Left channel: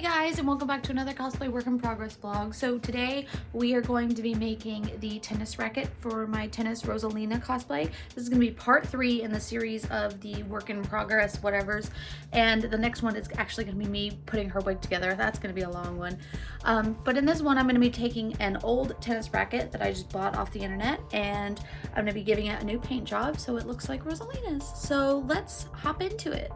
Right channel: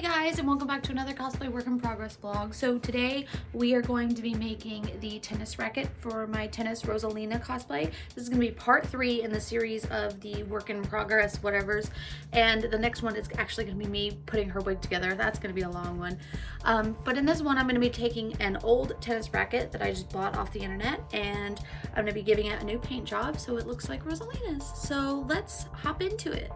Hey guys, and welcome back to another cosplay work in progress vlog. So today we are going to be making the tennis racket for my Tennis Rosalina cosplay. This is going to be part 3 in the series of the work in progress whatevers, and the next one is actually going to be me putting her wig together. That's going to be a long one. But in this one I'm going to be taking an old tennis racket that I just bought off the internet, and I'm going to be giving it a new paint job so it looks like Rosalina's. So let's hop into it.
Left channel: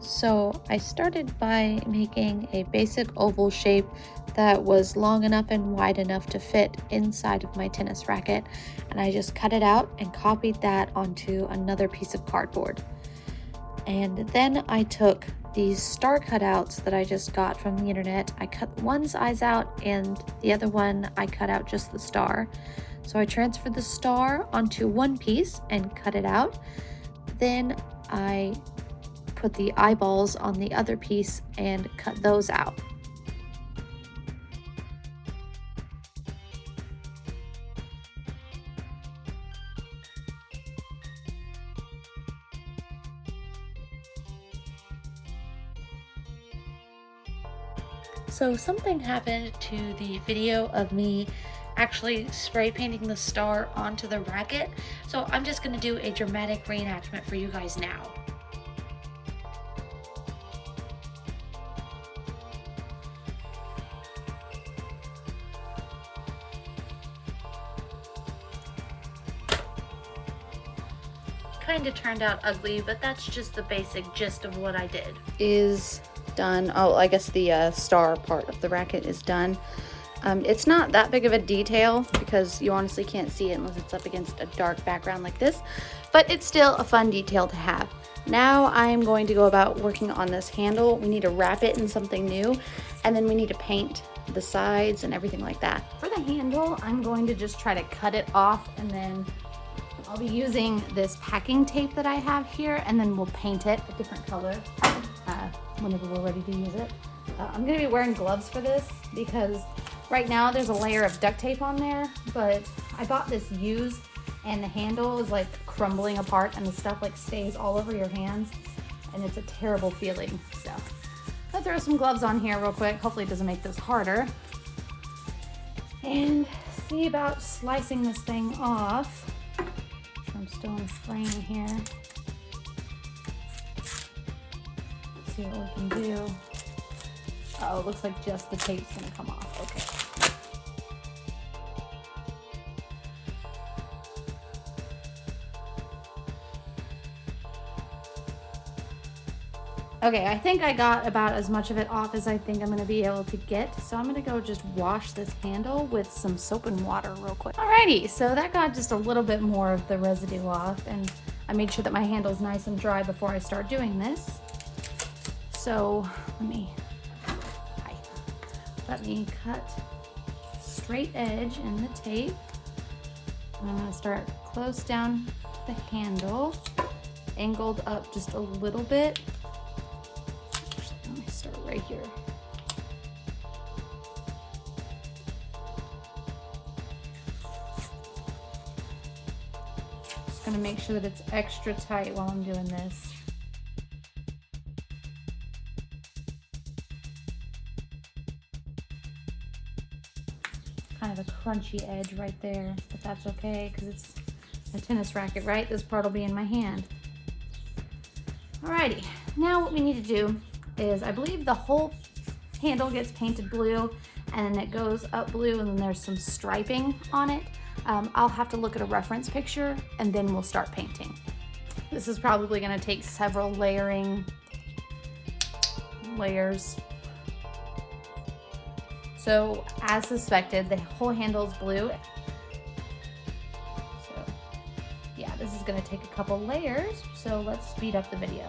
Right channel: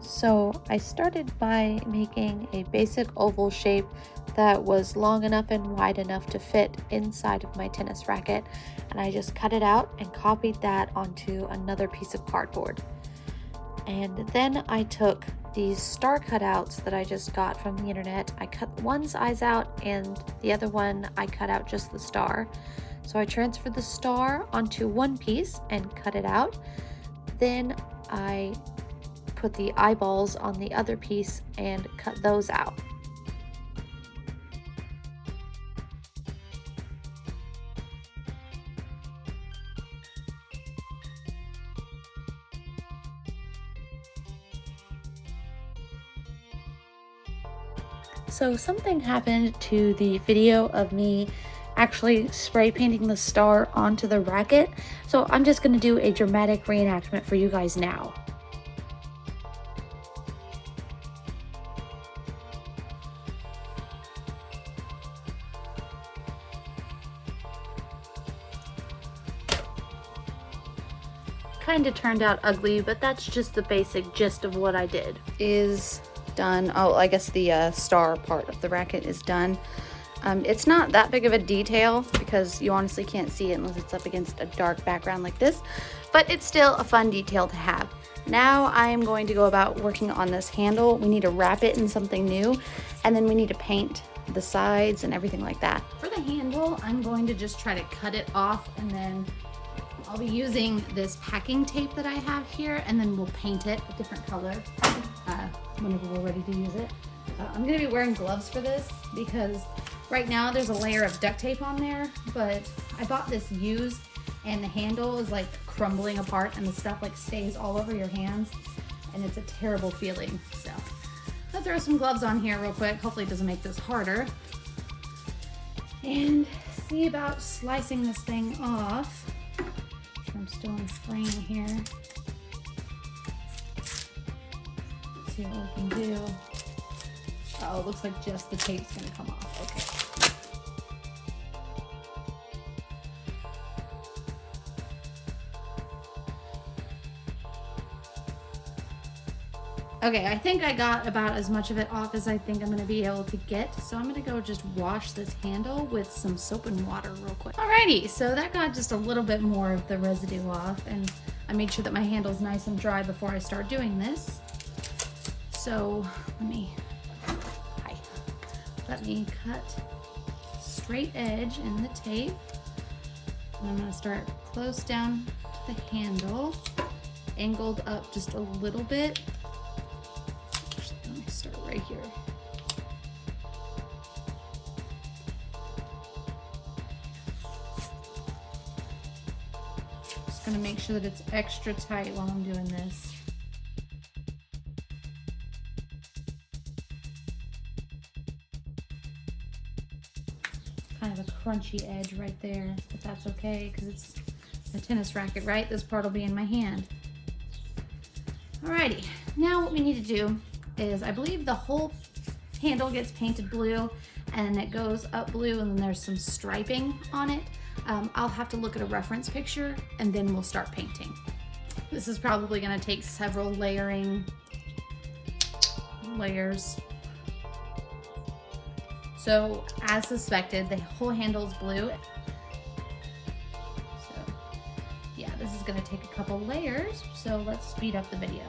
So I started by making a basic oval shape that was long enough and wide enough to fit inside of my tennis racket, and I just cut it out and copied that onto another piece of cardboard. And then I took these star cutouts that I just got from the internet. I cut one size out and the other one I cut out just the star. So I transferred the star onto one piece and cut it out. Then I put the eyeballs on the other piece and cut those out. So something happened to the video of me actually spray painting the star onto the racket. So I'm just going to do a dramatic reenactment for you guys now. Kind of turned out ugly, but that's just the basic gist of what I did. Is done. Oh, I guess the star part of the racket is done. It's not that big of a detail because you honestly can't see it unless it's up against a dark background like this, but it's still a fun detail to have. Now I'm going to go about working on this handle. We need to wrap it in something new, and then we need to paint the sides and everything like that. For the handle, I'm going to just try to cut it off, and then I'll be using this packing tape that I have here, and then we'll paint it a different color whenever we're ready to use it. I'm going to be wearing gloves for this because right now there's a layer of duct tape on there, but I bought this used and the handle is like crumbling apart and the stuff like stays all over your hands, and it's a terrible feeling. So I'll throw some gloves on here real quick. Hopefully it doesn't make this harder. And see about slicing this thing off. I'm still in spraying here. Let's see what we can do. Oh, it looks like just the tape's gonna come off. Okay. Okay, I think I got about as much of it off as I think I'm gonna be able to get. So I'm gonna go just wash this handle with some soap and water real quick. Alrighty, so that got just a little bit more of the residue off, and I made sure that my handle's nice and dry before I start doing this. So let me cut straight edge in the tape. And I'm gonna start close down to the handle, angled up just a little bit. Start right here. Just want to make sure that it's extra tight while I'm doing this. Kind of a crunchy edge right there, but that's okay because it's a tennis racket, right? This part will be in my hand. Alrighty, now what we need to do is, I believe the whole handle gets painted blue and it goes up blue, and then there's some striping on it. I'll have to look at a reference picture and then we'll start painting. This is probably going to take several layers. So as suspected, the whole handle is blue. So yeah, this is going to take a couple layers, so let's speed up the video.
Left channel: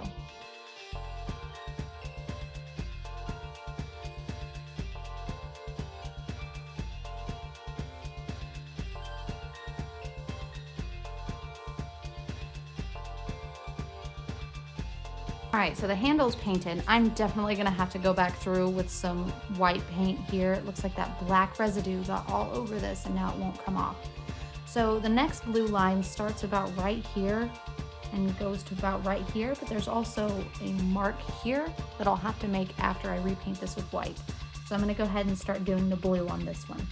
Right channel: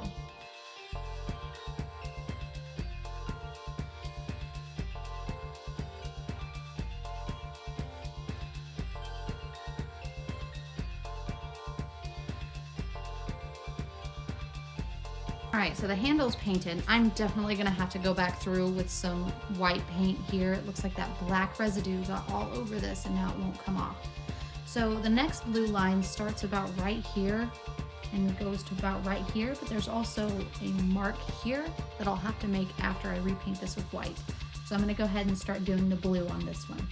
Alright, so the handle's painted. I'm definitely going to have to go back through with some white paint here. It looks like that black residue got all over this and now it won't come off. So the next blue line starts about right here and goes to about right here, but there's also a mark here that I'll have to make after I repaint this with white. So I'm going to go ahead and start doing the blue on this one.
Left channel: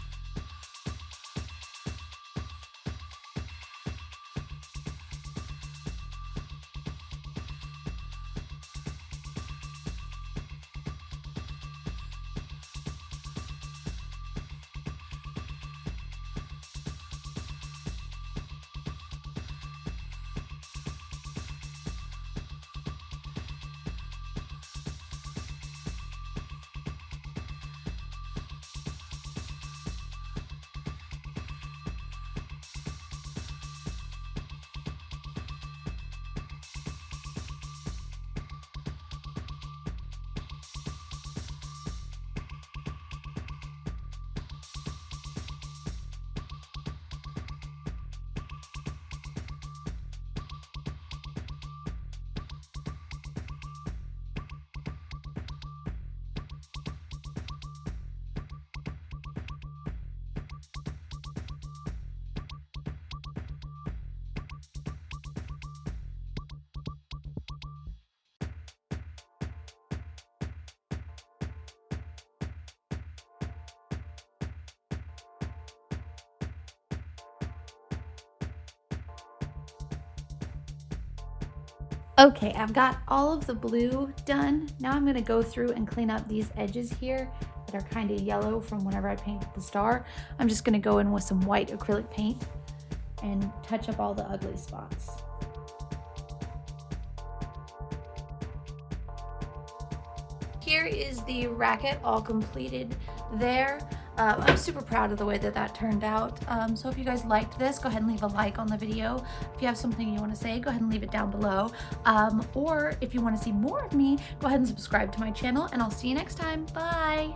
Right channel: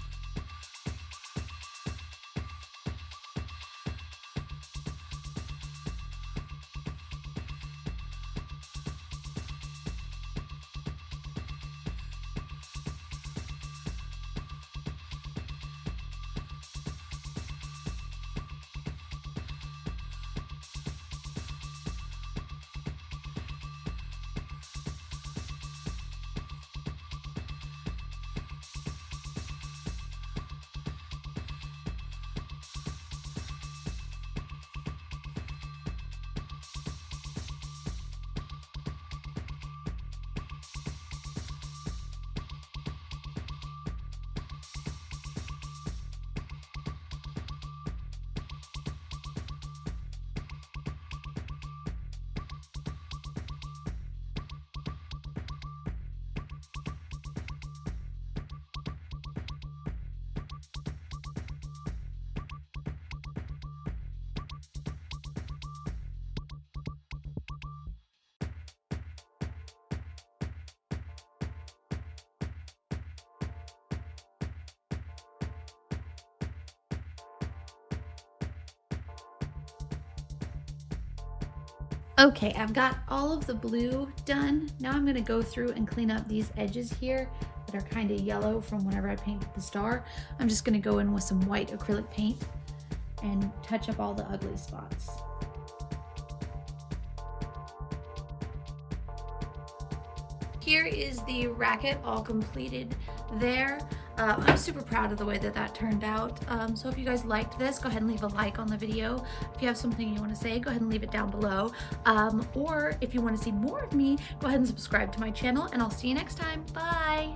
Okay, I've got all of the blue done. Now I'm going to go through and clean up these edges here that are kind of yellow from whenever I painted the star. I'm just going to go in with some white acrylic paint and touch up all the ugly spots. Here is the racket all completed there. I'm super proud of the way that that turned out. So if you guys liked this, go ahead and leave a like on the video. If you have something you want to say, go ahead and leave it down below. Or if you want to see more of me, go ahead and subscribe to my channel, and I'll see you next time. Bye!